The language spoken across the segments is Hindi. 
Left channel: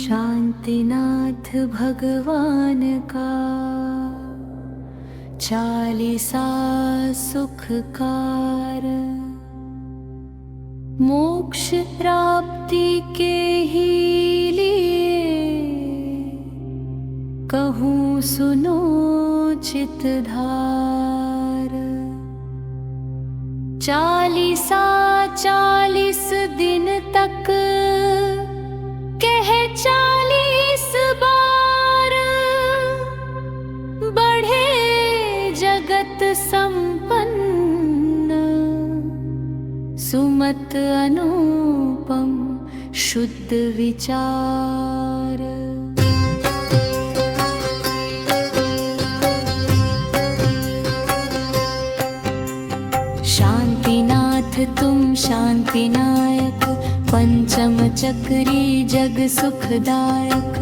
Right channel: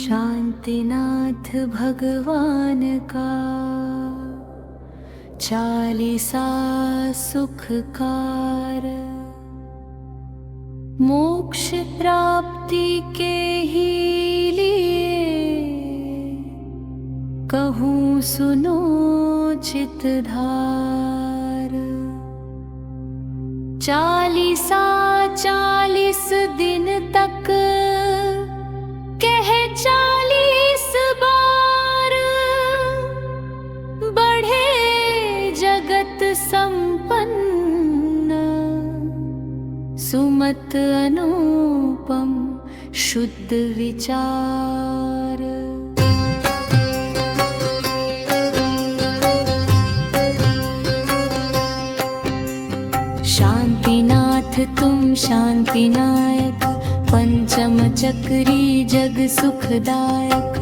शांतिनाथ भगवान का चालीसा सुखकार। मोक्ष प्राप्ति के ही लिए कहूँ सुनो चितधार। चालीसा 40 दिन तक कह 40 बार। बढ़े जगत संपन्न सुमत अनुपम शुद्ध विचार। शांतिनाथ तुम शांतिनायक, पंचम चक्री जग सुखदायक।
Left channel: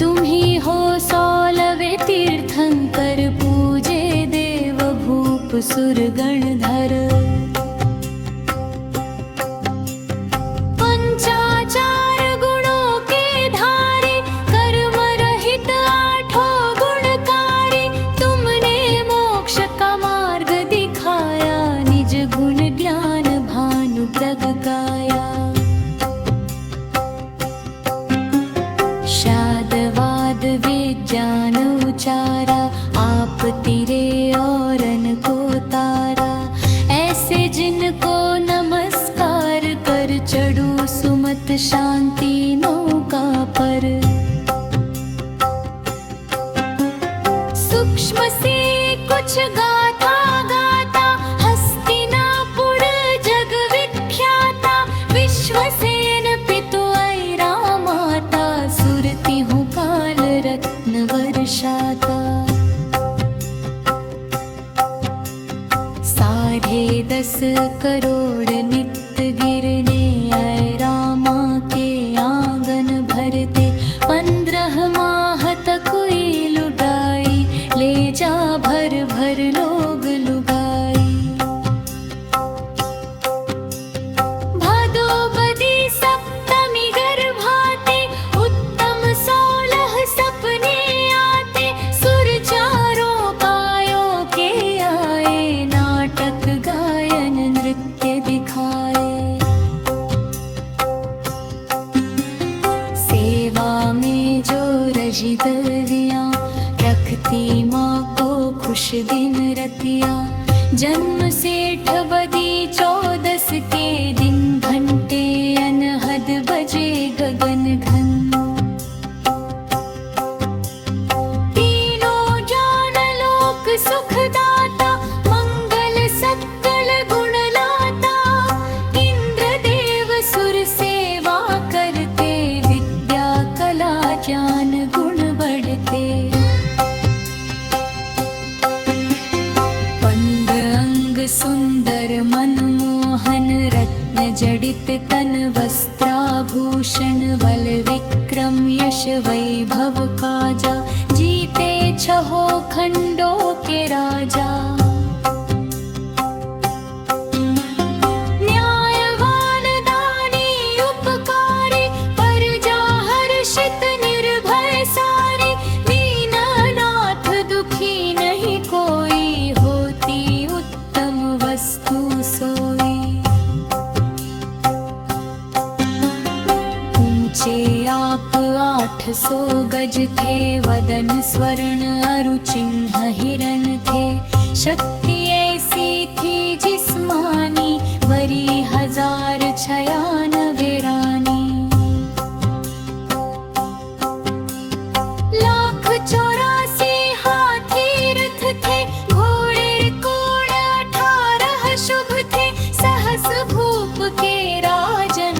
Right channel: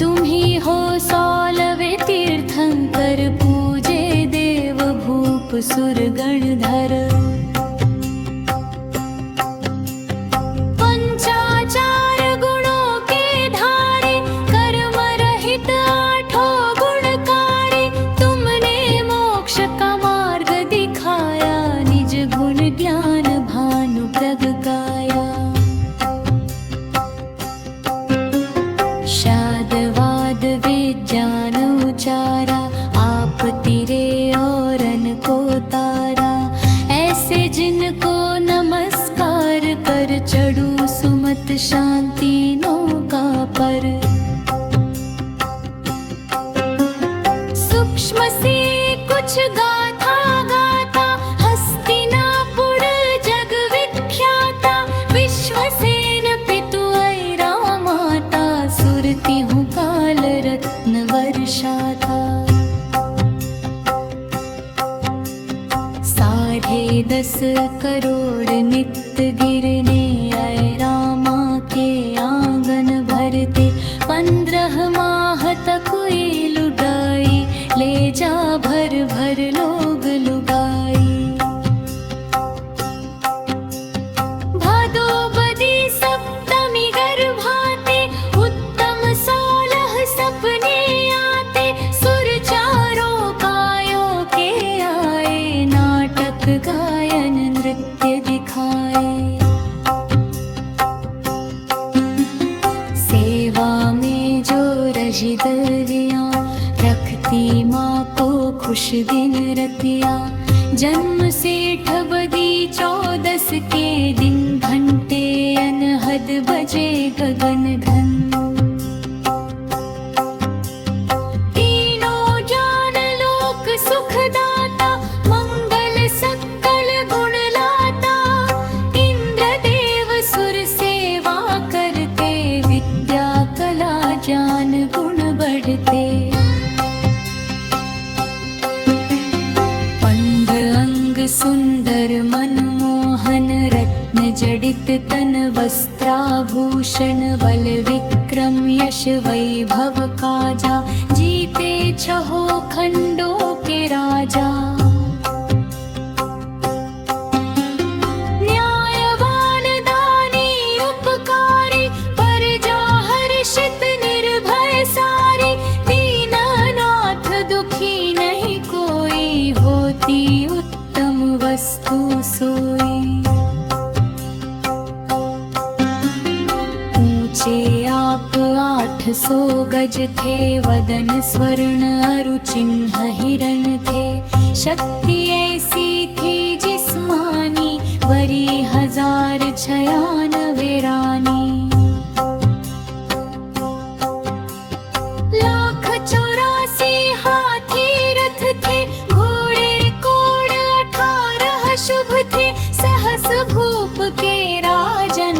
तुम ही हो 16वें तीर्थंकर, पूजे देव भूप सुर गणधर। पंचाचार गुणों के धारी, कर्म रहित 8 गुणकारी। तुमने मोक्ष का मार्ग दिखाया, निज गुण ज्ञान भानु प्रगटाया। शादवाद विज्ञान उचारा, आप तिरे औरन को तारा। ऐसे जिनको नमस्कार कर, चढ़ू सुमत शांति नौका पर। सूक्ष्म सी कुछ गाथा गाता, हस्तिनापुर जग विख्याता। विश्वसेन पितु ऐरा माता, सुरती हूँ काल रत्न वर्षाता। 10.5 करोड़ नित्य गिरने, ऐरा माँ के आंगन भरते। 15 माह तक हुई लुगाई, ले जा भर भर लोग लुगाई। भादो बदी सप्तमी गर्भाते, उत्तम 16 सपने आते। सुर चारों कायों के आए, नाटक गायन नृत्य दिखाए। सेवा में जो रजी दरिया, रखती माँ को खुश दिन रतिया। जन्म सेठ बदी 14 के दिन, घंटे अनहद बजे गगन घन। तीनों जान लोक सुखदाता, मंगल सकल गुण लाता। इंद्रदेव सुर सेवा करते, विद्या कला ज्ञान गुण बढ़ते। अंग सुंदर मनमोहन, रत्न जडित तन वस्त्राभूषण। बल विक्रम यश वैभव काजा, जीते 6 खंडों के राजा। न्यायवान दानी उपकारी, प्रजा हर्षित निर्भय सारी। दीननाथ दुखी नहीं कोई, होती उत्तम वस्तु सोई। ऊंचे आप 800 गज थे, वदन स्वर्ण अरु चिन्ह हिरण थे। शक्ति ऐसी थी जिस्मानी, वरी 1096 रानी। 184 हाथी रथ थे, घोड़े कोड़ 18 शुभ थे। सहस भूप के राजन,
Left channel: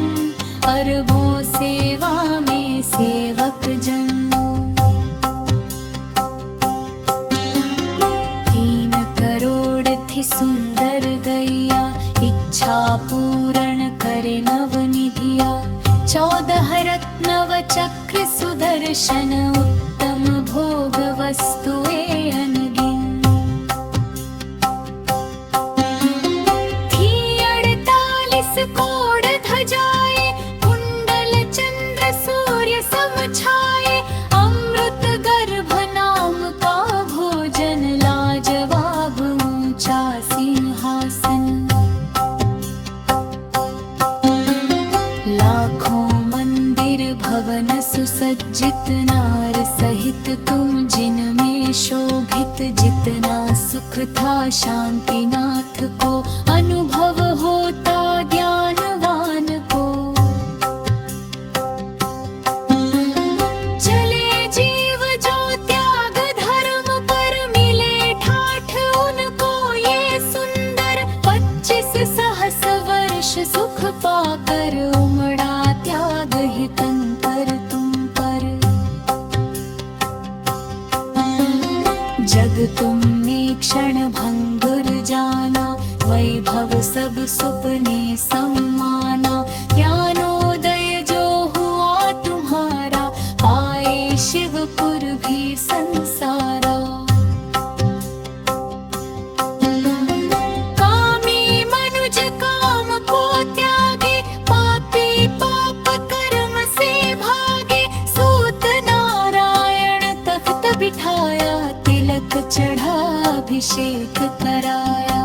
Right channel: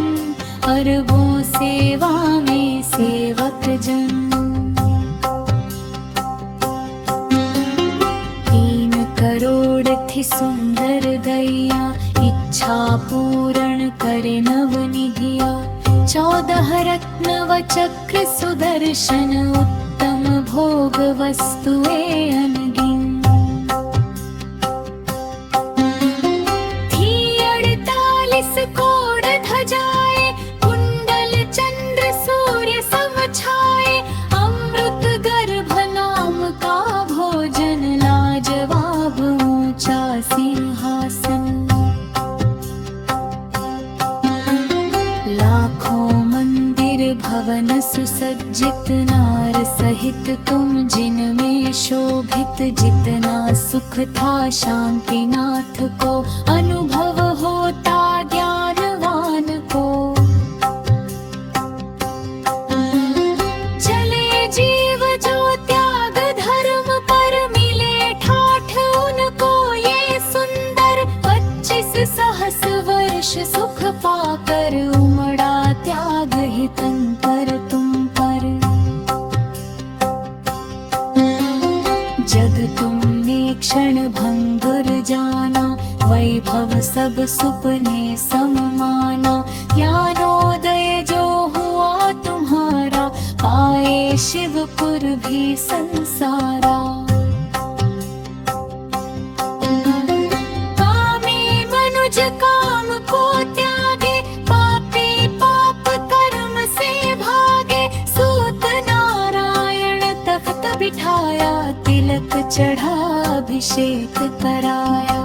अरबों सेवा में सेवक जन। 3 करोड़ थी सुंदर गैया, इच्छा पूर्ण करे नवनिधिया। 14 रत्न व चक्र सुदर्शन, उत्तम भोग वस्तुए अनगिन। थी 48 कोड़ भवन सुसज्जित नार सहित तुम जिनमें शोभित, जितना सुख था शांति नाथ को अनुभव होता ज्ञानवान को। चले जीव जो त्याग धर्म पर, मिले ठाठ उनको ये सुंदर। 25 सहस वर्ष सुख पाकर, उमड़ा त्याग हितंकर तुम पर। जग तुमने क्षण भंगुर जाना, वैभव सब सुपने सम माना। ज्ञानोदय जो हुआ तुम्हारा, पाए शिवपुर भी संसारा। कामी मनुज काम को त्यागे, पापी पाप कर्म से भागे। सूत नारायण तख्त बिठाया, तिलक चढ़ा अभिषेक कराया।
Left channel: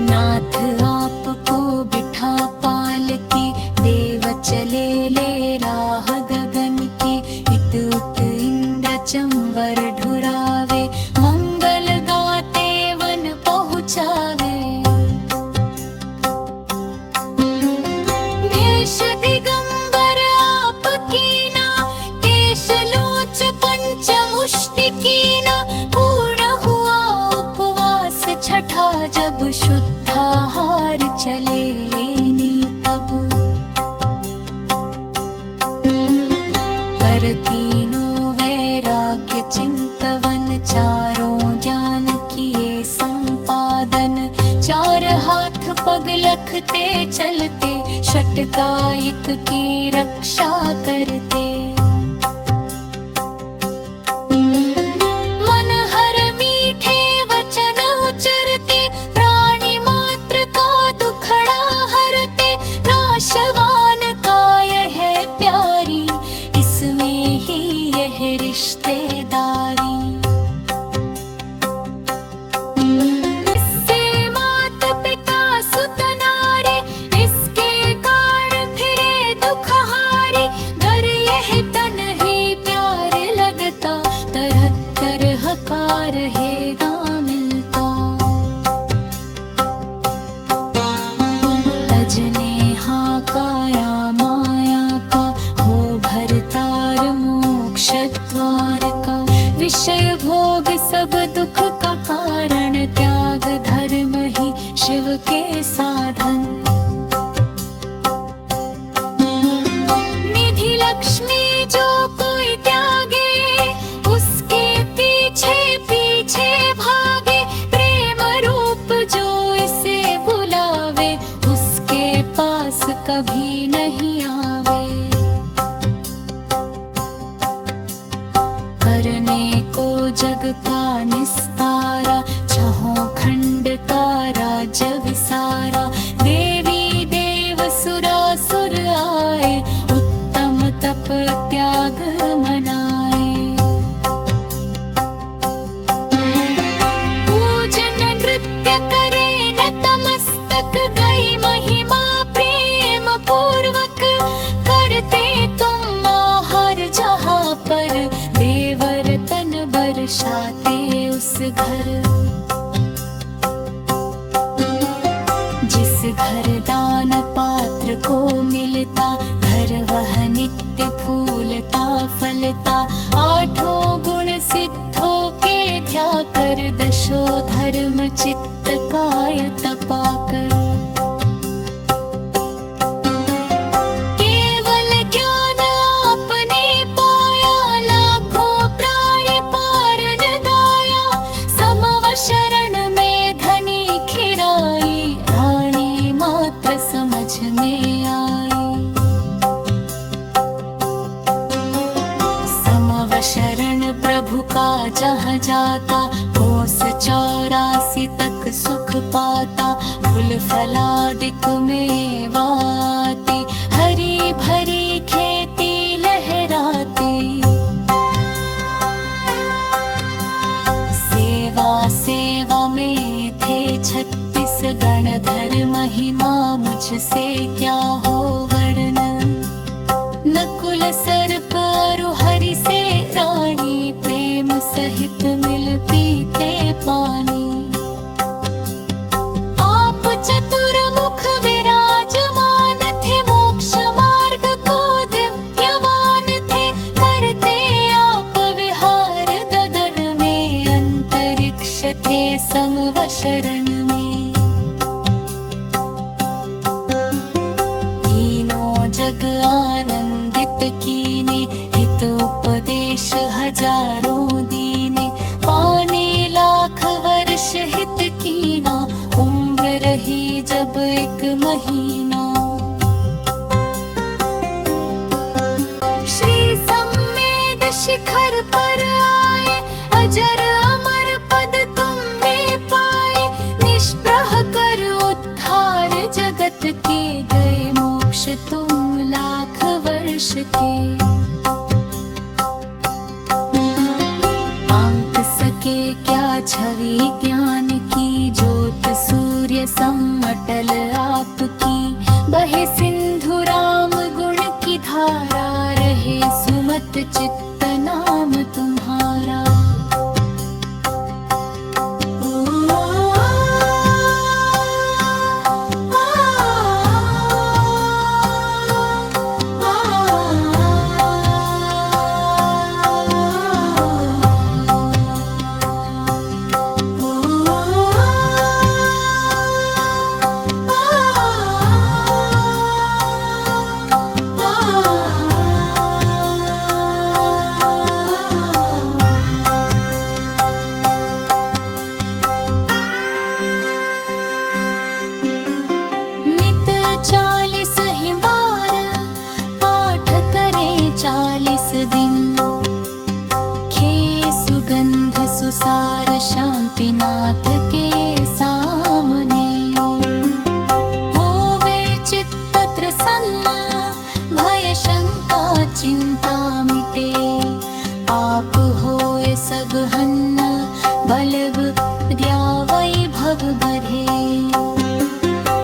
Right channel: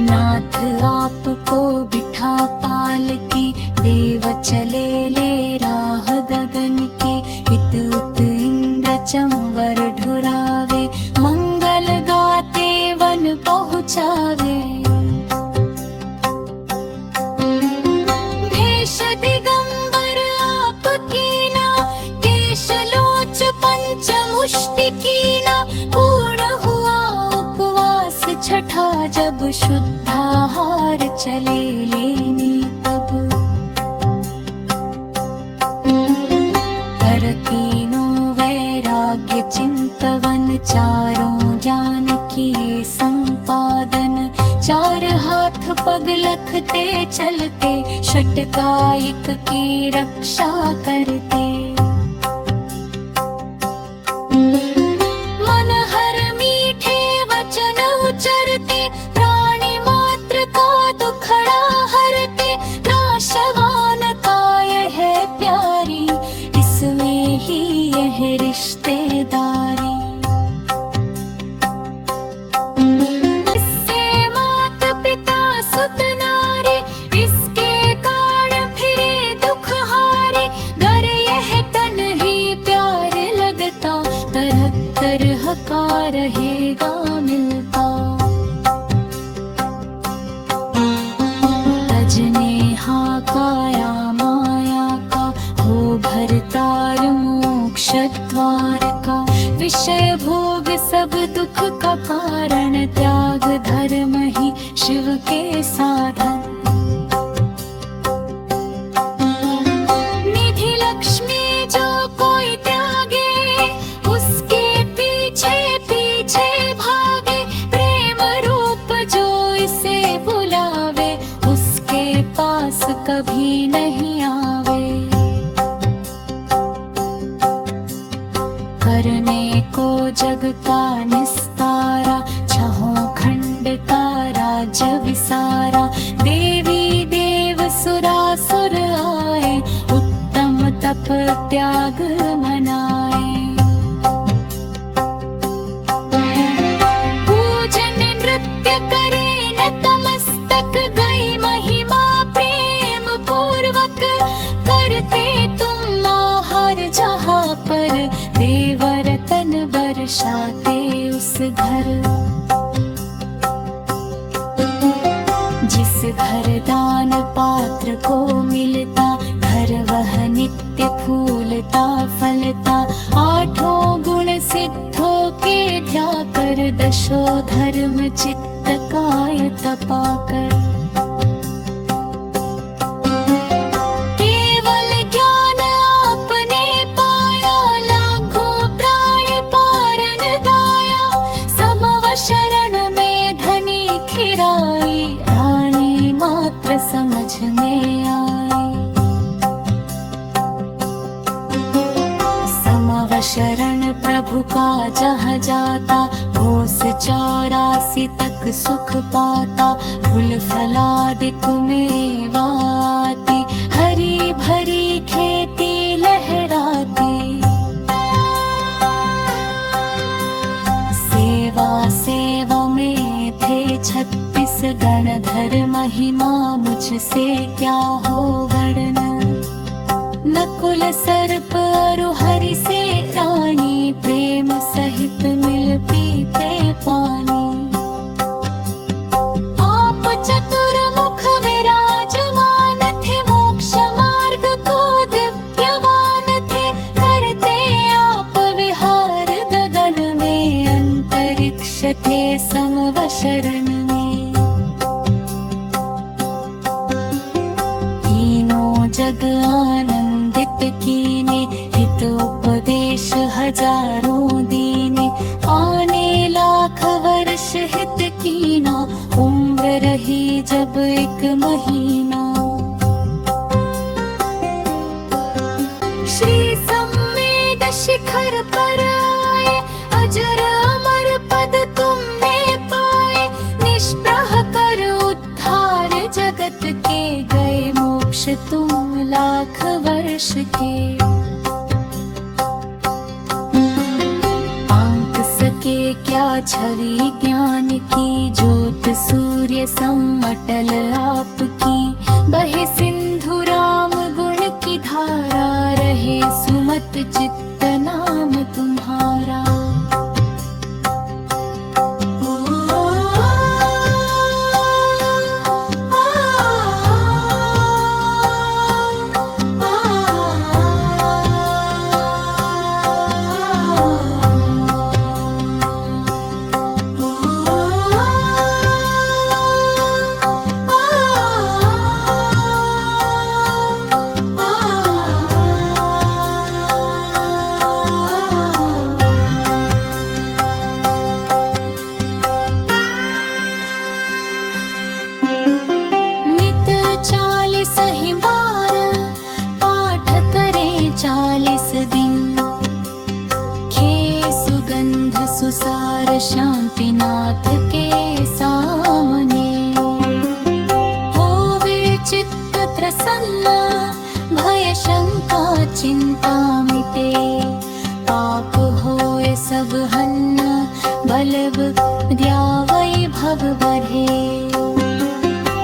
नाथ आपको बिठा पालकी, देव चले ले राह गगन की। इत उत इंद्र चंवर ढुरावे, मंगल गाते वन पहुँचावे। भेष दिगंबर आप कीना, केशलोच पंचमुष्टि कीना। पूर्ण हुआ उपवास छठा, जब शुद्धाहार चले लेने तब। कर तीनों वैराग्य चिंतवन, चारों ज्ञान किए संपादन। 4 हाथ पग लखते चलते, षटकायिक की रक्षा करते। मन हर मीठे वचन उचरते, प्राणी मात्र का दुखड़ा हरते। नाशवान काय है प्यारी, इसमें ही यह रिश्तेदारी। इससे मात पिता सुत नारी, इसके कारण फिरे दुख हारी। घर यह तन ही प्यार लगता, तरह तरह का रहेगा मिलता। तजने हाँ काया माया का, हो भरतार मोक्ष द्वार का। विषय भोग सब दुख का कारण, त्याग धर्म ही शिव के साधन। निधि लक्ष्मी जो कोई त्यागे, उसके पीछे पीछे भागे। प्रेम रूप जो इसे बुलावे, उसके पास कभी नहीं आवे। करने को जग का निस्तारा, छहों खंड का राज्य विसारा। देवी देव सुरासुर आए, उत्तम तप त्याग मनाए। पूजन नृत्य करे नतमस्तक, गई महिमा प्रेम पूर्वक। करते तुम आहार जहाँ पर, देव रतन बरसाते उस घर। जिस घर दान पात्र को मिलता, घर वह नित्य फूलता फलता। 8 गुण सिद्धों के ध्या कर, दशो धर्म चित्त काय तपा कर। केवल ज्ञान आपने पाया, लाखों प्राणी पारन गाया। समव शरण में धनी खिराई, रानी मात्र समझ में आई। समव शरण प्रभु का जहाँ जाता, कोस 84 तक सुख पाता। फूल फलादिक मेवाती, हरी भरी खेती लहराती। सेवा सेवा में थे छत 36 गणधर महिमा मुझसे क्या हो वर्णन। नकुल सर्प अरु हरि से रानी प्रेम सहित मिल पीते पानी। आप चतुर्मुख विराजमान थे, मोक्ष मार्ग को दिव्यवान थे। करते आप विहार गगन में, अंतरिक्ष थे समव शरण में। तीनों जग आनंदित कीने, हित उपदेश हजारों दीने। पाने लाख वर्ष हित कीना, उम्र रही जब 1 महीना। श्री सम्मेद शिखर पर आए, अजर अमर पद तुमने पाए। निष्प्रह कर उद्धार जगत के, गए मोक्ष तुम लाख वर्ष के। आंक सके क्या छवि ज्ञान की, ज्योत सूर्य सम अटल आपकी। बहे सिंधु राम गुण की धारा, रहे सुमत चित्त नाम तुम्हारा। पाठ करें 40 दिन, खे सुगंध सुसार शांतिनाथ के सामने। होवे चित्त प्रसन्न, भय शंका चिंता मिटे। पाप होए सब हन्न, बल विद्या वैभव बढ़े।